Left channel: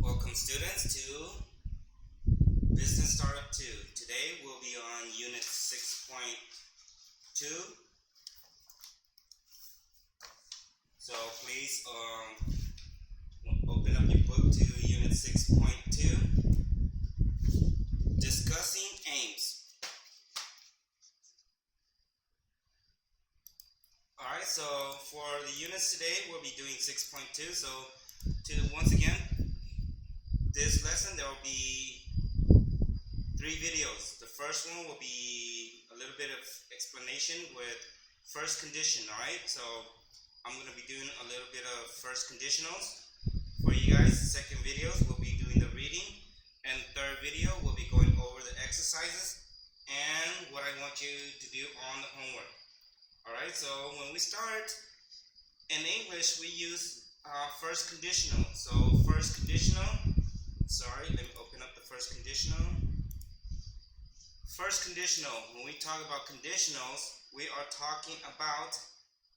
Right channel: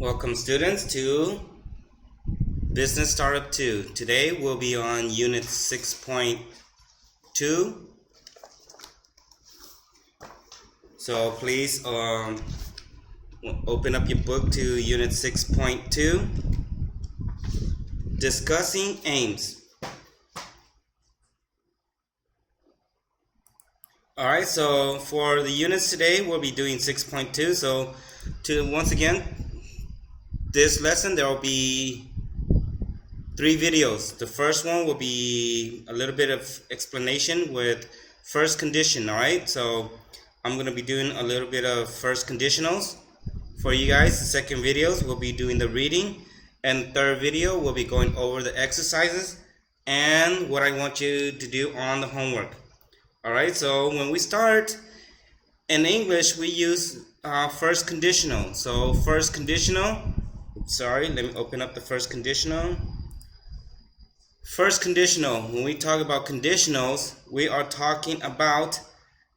Welcome students to Business Startup 2. Today we'll be on Unit 6.2. So please open up your book to Unit 6.2. Discussing aims. Alright, so for the units today we'll be doing 6.2. So once again, this lesson there will be 3 videos. The first one will be a little bit of explanation with first condition. Alright, so I'm going to be doing a little bit of first conditionals for you guys. The second videos we'll be doing the reading, and the third video we'll be going over the exercises and what I want you to do on the homework. Alright, so when we start in English we use first conditional. So first conditional, let me open up the first conditional. First conditional, when we talk about conditionals, we are talking about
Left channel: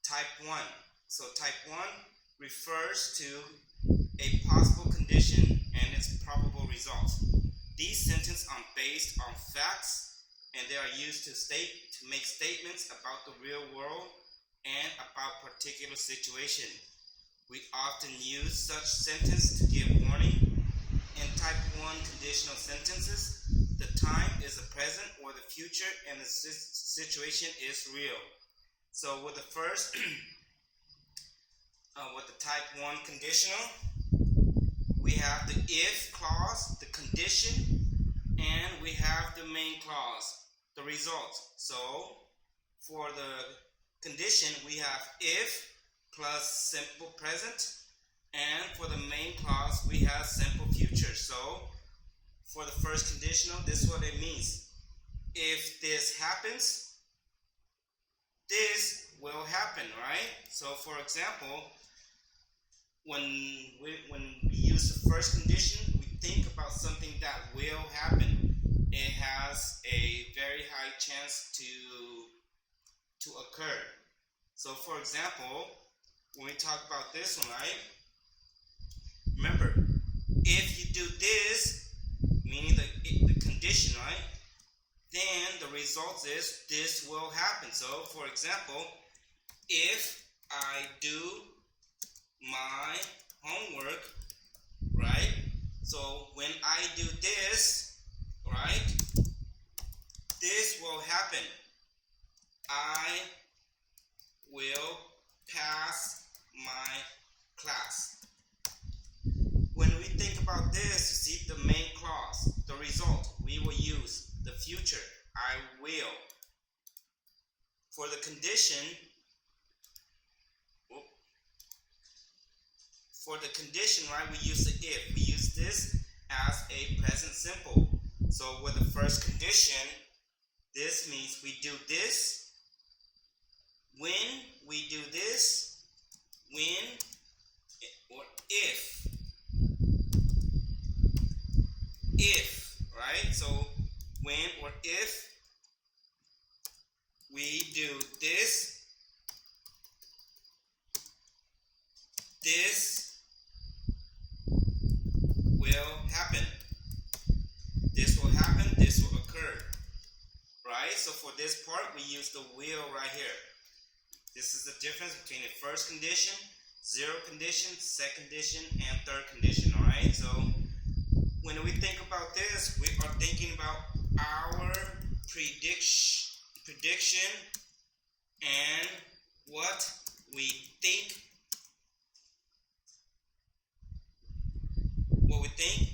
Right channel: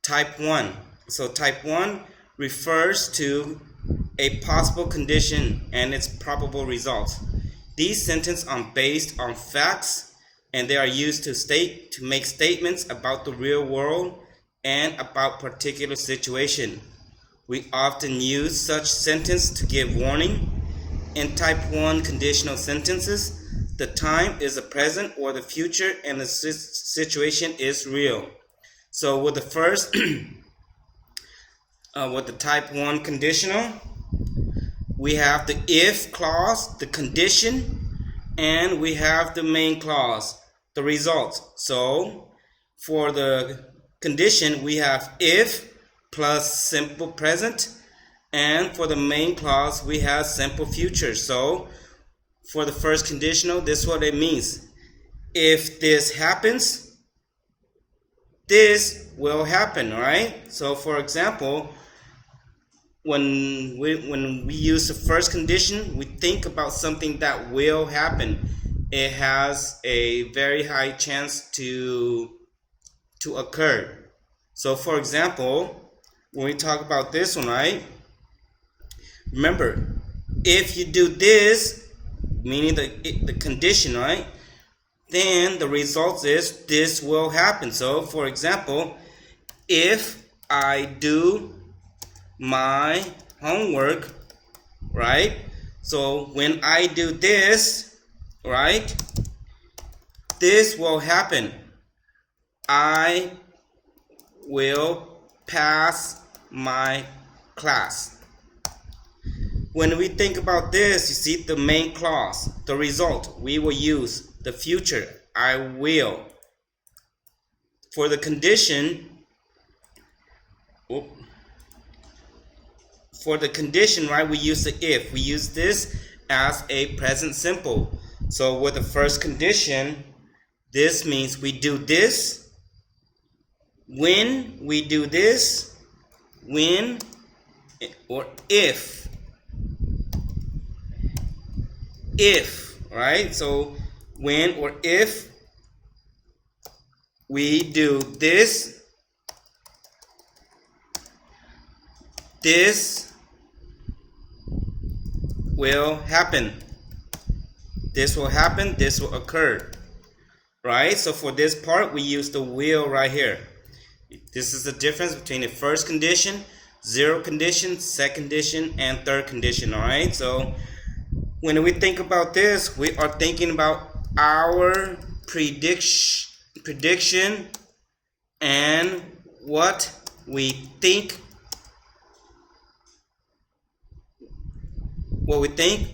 type 1. So type 1 refers to a possible condition and its probable results. These sentences are based on facts, and they are used to make statements about the real world and about particular situation. We often use such sentence to give warning. In type 1 conditional sentences, the time is the present or the future and the situation is real. So with the first, with the type 1 conditional, we have the if clause, the condition, and we have the main clause, the result. So for the condition, we have if plus simple present, and for the main clause, we have simple future. So for the first conditional, this is what it means. If this happens, this will happen, right? So for example, when we use the first condition, we think about something that will happen. It has a very high chance to occur. So for example, when we talk about this one, right? Remember, if you do this, meaning the condition, right? Then the result is this will happen. So for example, if I do my homework, right? So when I do this, right? This will happen. I will pass my class. When we think about this, you see the main clause, the result, we will use the future, I will. For the condition, right, we use the if. We use this as a present simple. So with the first condition, this means we do this when we do this, when or if. If, right? So when or if we do this, this will happen. This will happen, this will occur. Right? So for this part, we use the will right here. This is the difference between the first condition, zero condition, second condition, and third condition. Alright? So when we think about this, we are thinking about our prediction and what we think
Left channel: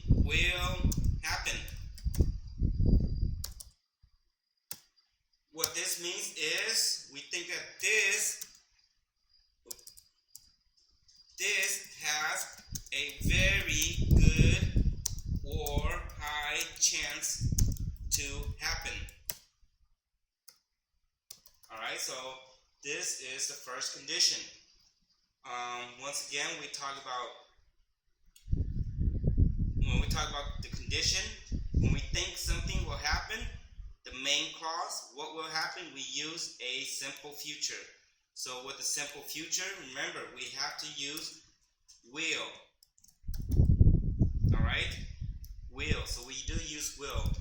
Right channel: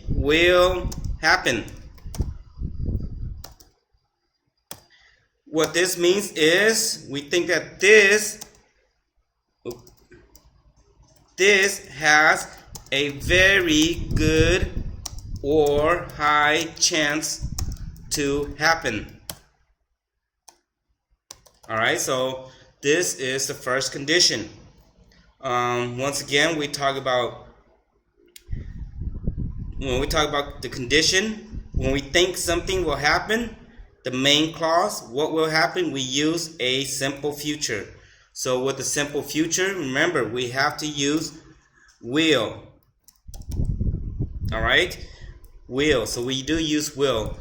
will happen. What this means is we think that this has a very good or high chance to happen. Alright, so this is the first condition. Once again, when we talk about the condition, when we think something will happen, the main clause, what will happen, we use a simple future. So with the simple future, remember, we have to use will. All right, will. So we do use will.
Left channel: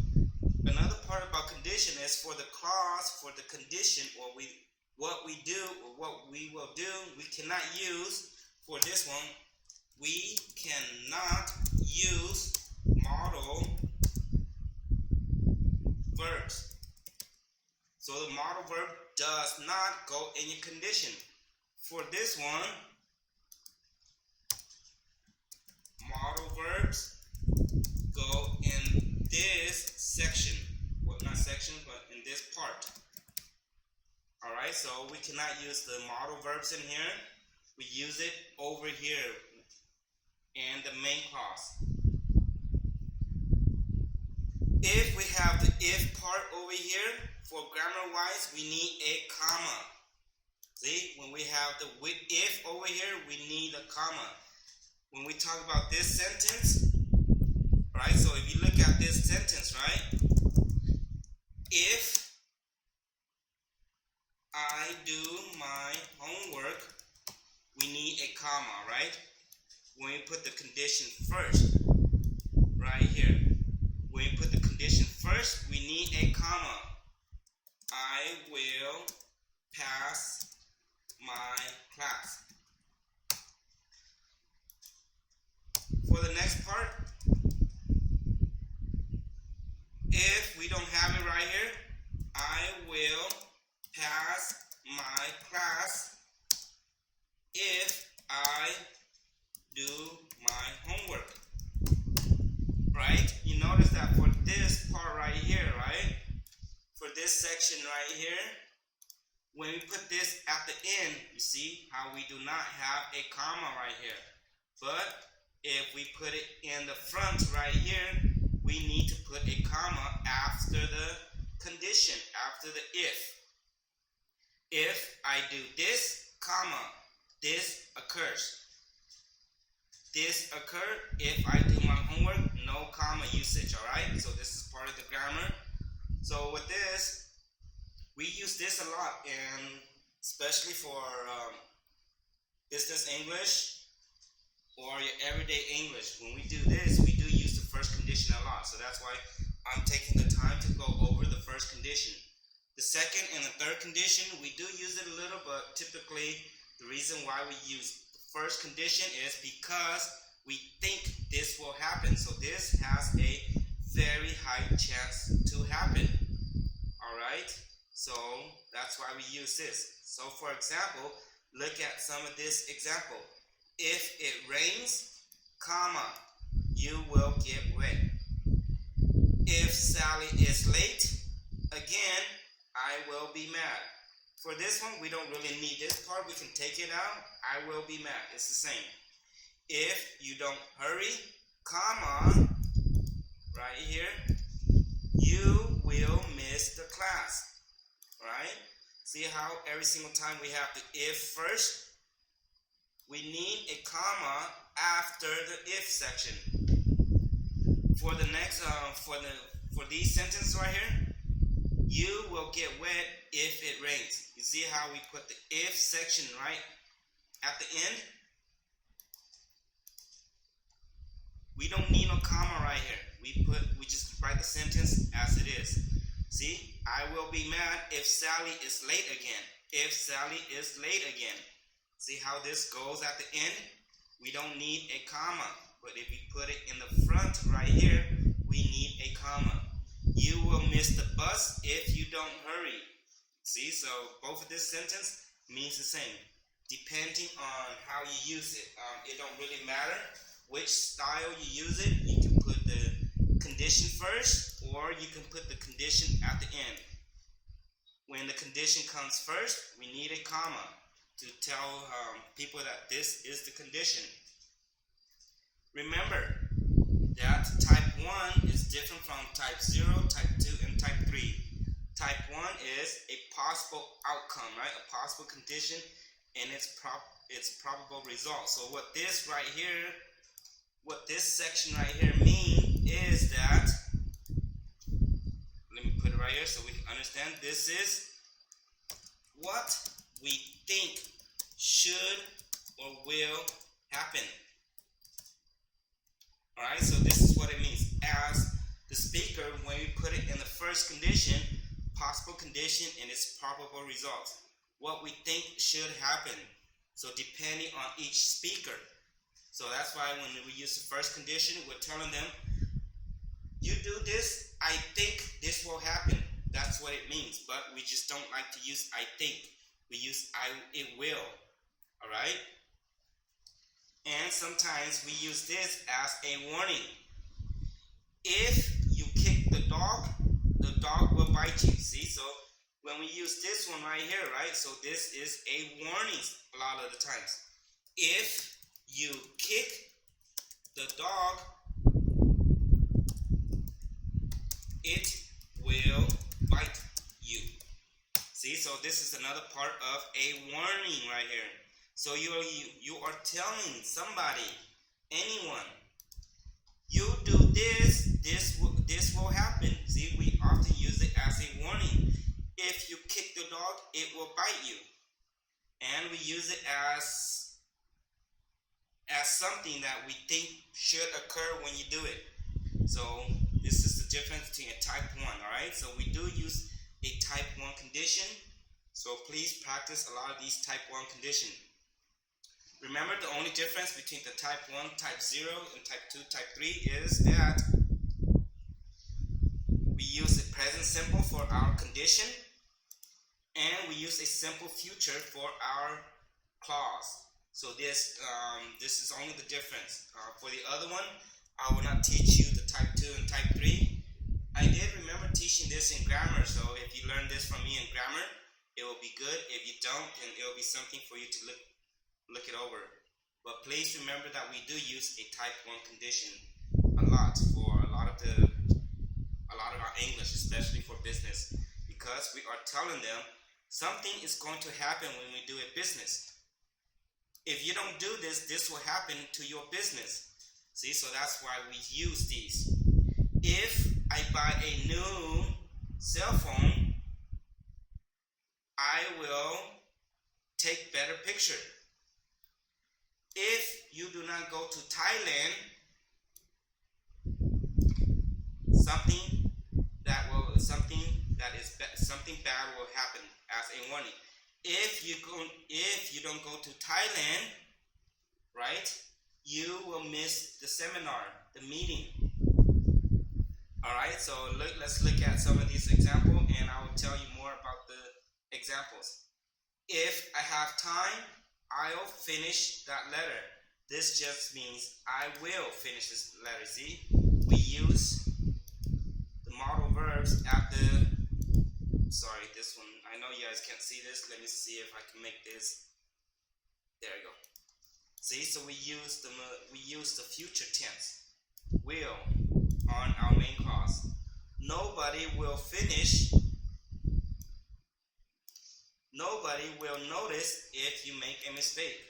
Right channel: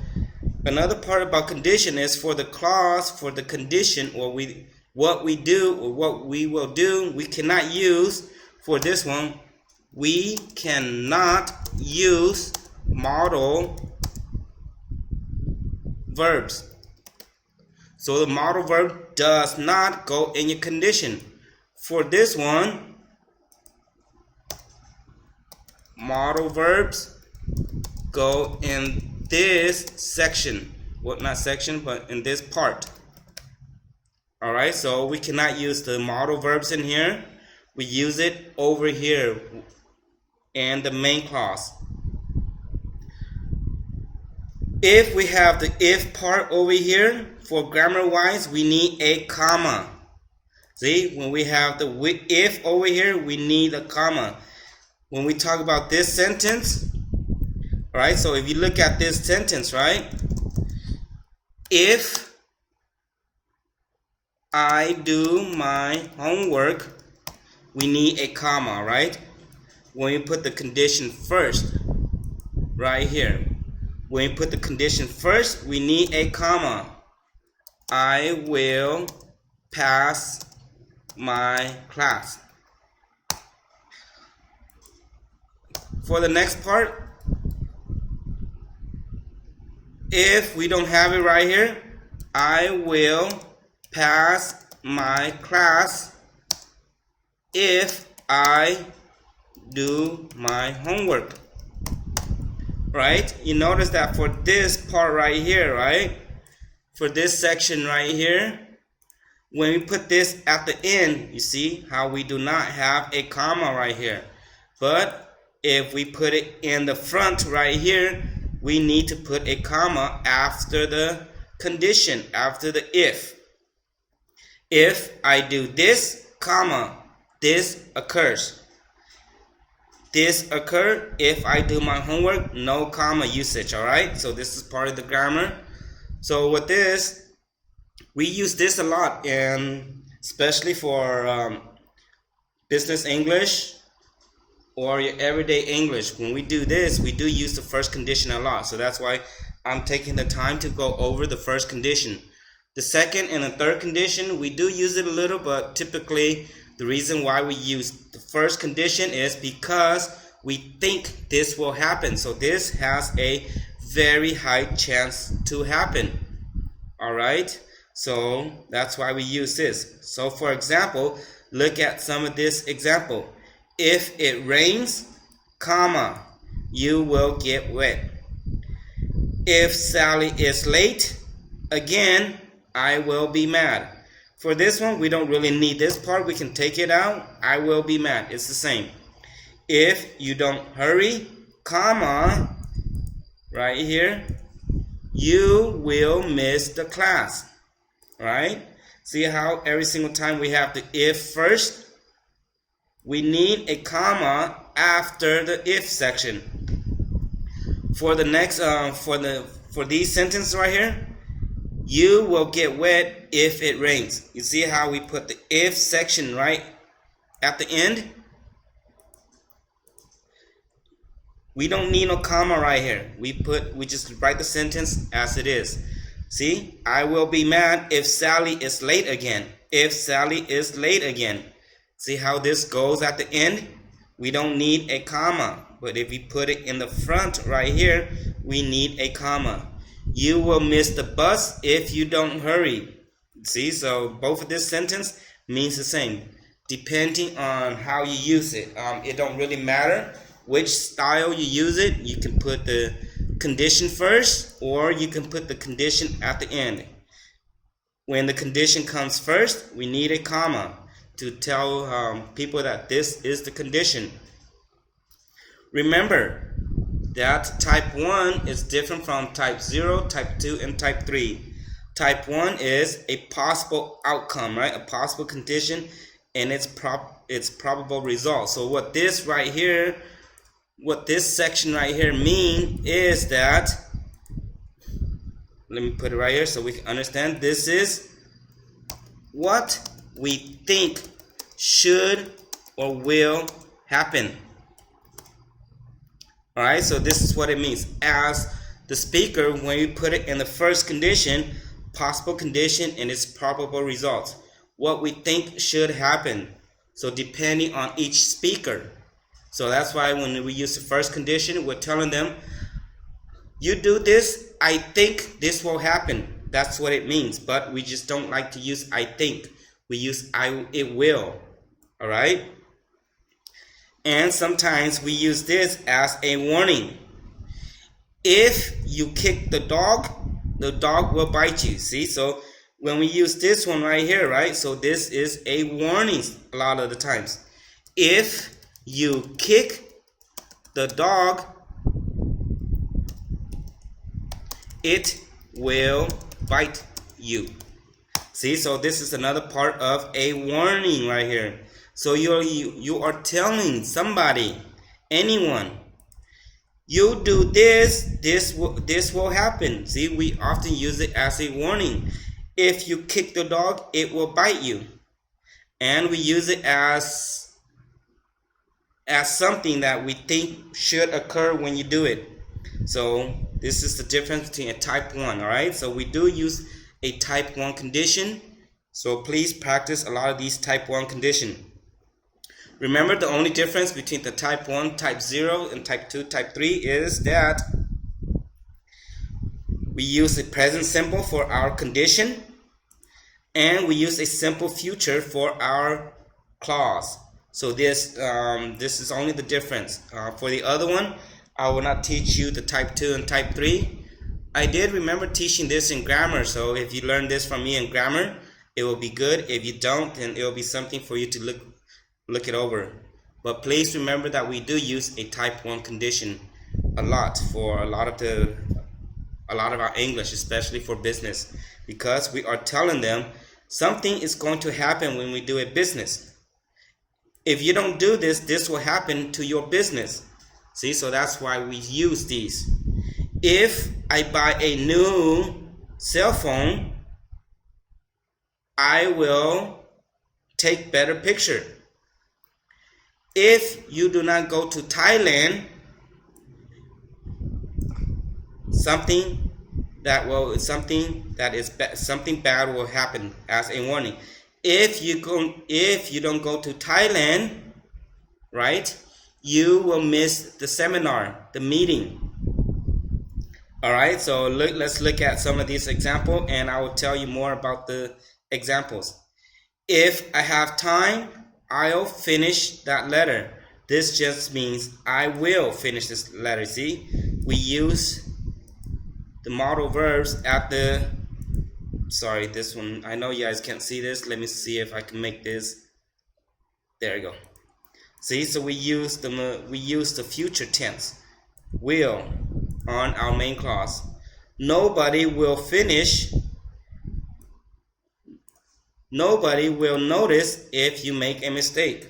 Another part about condition is for the clause, for the condition, or what we do or what we will do, we cannot use for this one. We cannot use modal verbs. So the modal verb does not go in your condition. For this one, modal verbs go in this section. Well, not section, but in this part. Alright, so we cannot use the modal verbs in here. We use it over here in the main clause. If we have the if part over here, for grammar wise, we need a comma. See, when we have the if over here, we need a comma. When we talk about this sentence, right? So if you look at this sentence, right? If I do my homework, we need a comma, right? When we put the condition first, right here. When we put the condition first, we need a comma. I will pass my class. For the next part, if we don't have it right here, I will pass my class if I do my homework. Right? You notice that for this part right here, right? For this section right here, when we put this at the end, you see how we do not have a comma right here. But if we put it in the front right here, we need to put a comma after the condition, after the if. If I do this, comma, this occurs. This occur if I do my homework, no comma usage, all right? So this is part of the grammar. So with this, we use this a lot, and especially for business English or your everyday English. When we do this, we do use the first condition a lot. So that's why I'm taking the time to go over the first condition. The second and the third condition, we do use it a little, but typically the reason why we use the first condition is because we think this will happen. So this has a very high chance to happen. All right? So that's why we use this. So for example, look at some of this example. If it rains, comma, you will get wet. If Sally is late, again, I will be mad. For this one, we don't really need this part. We can take it out. I will be mad. It's the same. If you don't hurry, comma, right here, you will miss the class. Right? See how every single time we have the if first? We need a comma after the if section. For the next, for these sentences right here, you will get wet if it rains. You see how we put the if section right at the end? We don't need no comma right here. We just write the sentence as it is. See, I will be mad if Sally is late again. If Sally is late again. See how this goes at the end? We don't need a comma. But if we put it in the front right here, we need a comma. You will miss the bus if you don't hurry. See, so both of this sentence means the same. Depending on how you use it. It don't really matter which style you use it. You can put the condition first, or you can put the condition at the end. When the condition comes first, we need a comma to tell people that this is the condition. Remember that type 1 is different from type 0, type 2, and type 3. Type 1 is a possible outcome, right? A possible condition and its probable result. So what this right here, what this section right here mean is that, let me put it right here so we can understand. This is what we think should or will happen. All right, so this is what it means. As the speaker, when you put it in the first condition, possible condition and its probable results, what we think should happen. So depending on each speaker. So that's why when we use the first condition, we're telling them, you do this, I think this will happen. That's what it means. But we just don't like to use I think. We use it will. All right? And sometimes we use this as a warning. If you kick the dog will bite you. See? So when we use this one right here, right? So this is a warning a lot of the times. If you kick the dog, it will bite you. See, so this is another part of a warning right here. So you are telling somebody, anyone, you do this will happen. See, we often use it as a warning. If you kick the dog, it will bite you. And we use it as something that we think should occur when you do it. So this is the difference between a type 1, all right? So we do use a type 1 condition. So please practice a lot of these type 1 conditions. Remember, the only difference between the type 1, type 0, and type 2, type 3 is that we use a present simple for our condition, and we use a simple future for our clause. So this is only the difference. For the other one, I will not teach you the type 2 and type 3. I did remember teaching this in grammar, so if you learn this from me in grammar, it will be good. If you don't, then it will be something for you to look it over. But please remember that we do use a type 1 condition a lot for a lot of our English, especially for business, because we are telling them something is going to happen when we do a business. If you don't do this, this will happen to your business. See, so that's why we use these. If I buy a new cell phone, I will take better picture. If you do not go to Thailand, something bad will happen, as a warning. If you don't go to Thailand, right, you will miss the seminar, the meeting. All right, so let's look at some of these examples, and I will tell you more about the examples. If I have time, I'll finish that letter. This just means I will finish this letter. See, we use the modal verbs at the, sorry, this one, I know you guys can't see this. Let me see if I can make this. There you go. See, so we use the future tense, will, on our main clause. Nobody will notice if you make a mistake.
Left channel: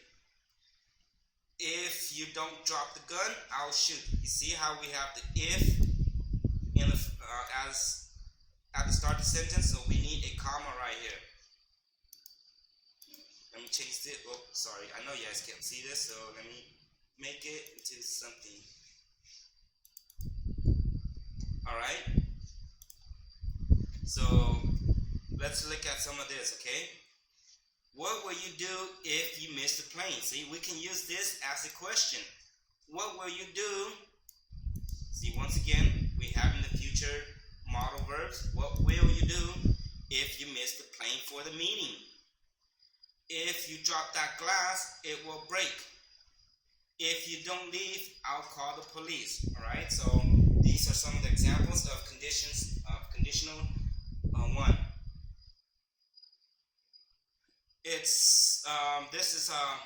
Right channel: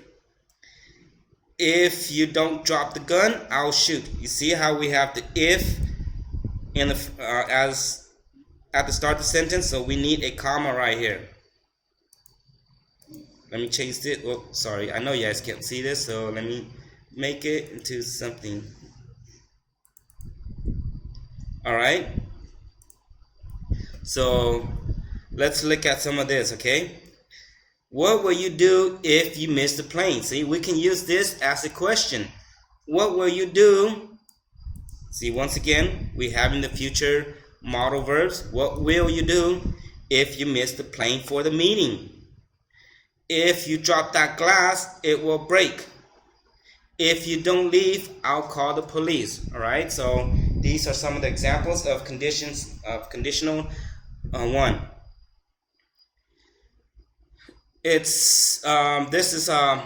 If you don't drop the gun, I'll shoot. You see how we have the if in the as at the start of the sentence, so we need a comma right here. Let me change it. Oh, sorry, I know you guys can't see this, so let me make it into something. All right, so let's look at some of this, okay? What will you do if you miss the plane? See, we can use this as a question. What will you do? See, once again, we have in the future modal verbs. What will you do if you miss the plane for the meeting? If you drop that glass, it will break. If you don't leave, I'll call the police. All right, so these are some of the examples of conditions of conditional one. It's this is the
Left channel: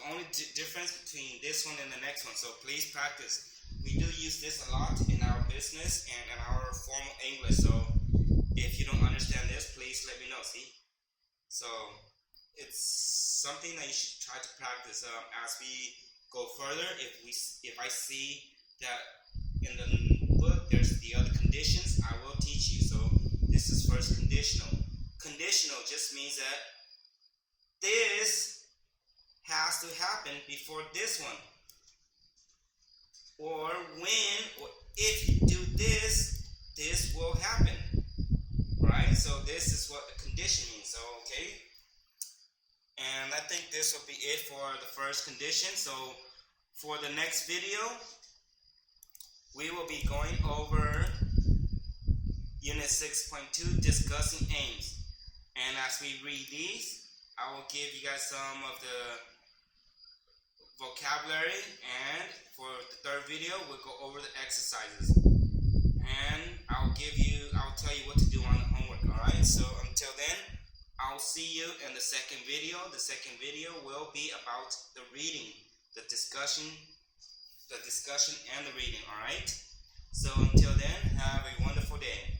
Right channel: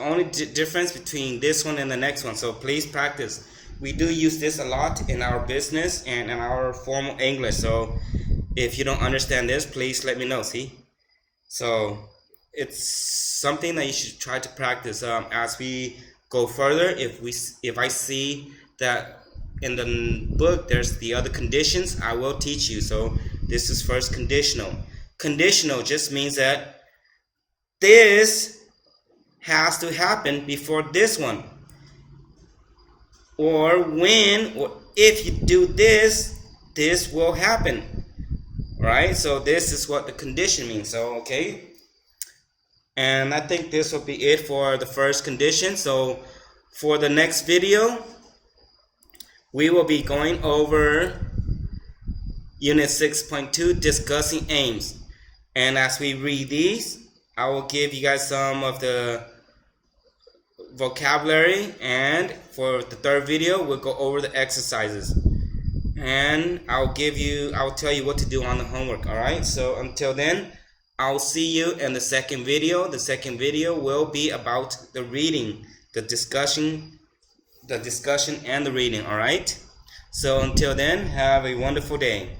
only difference between this one and the next one, so please practice. We do use this a lot in our business and in our formal English, so if you don't understand this, please let me know. See, so it's something that you should try to practice as we go further. If I see that in the book there's the other conditions, I will teach you. So this is first conditional. Conditional just means that this has to happen before this one. or when or if you do this, this will happen. Right? So this is what the condition means. So okay. And I think this will be it for the first condition. So for the next video, we will be going over Unit 6.2, discussing aims. And as we read these, I will give you guys some of the vocabulary, and for the third video, we'll go over the exercises. And I'll tell you what to do on the homework, alright? So until then, I'll see you in the second video. The second video will be about the reading, the discussion and the reading, alright? So until then, have a wonderful day.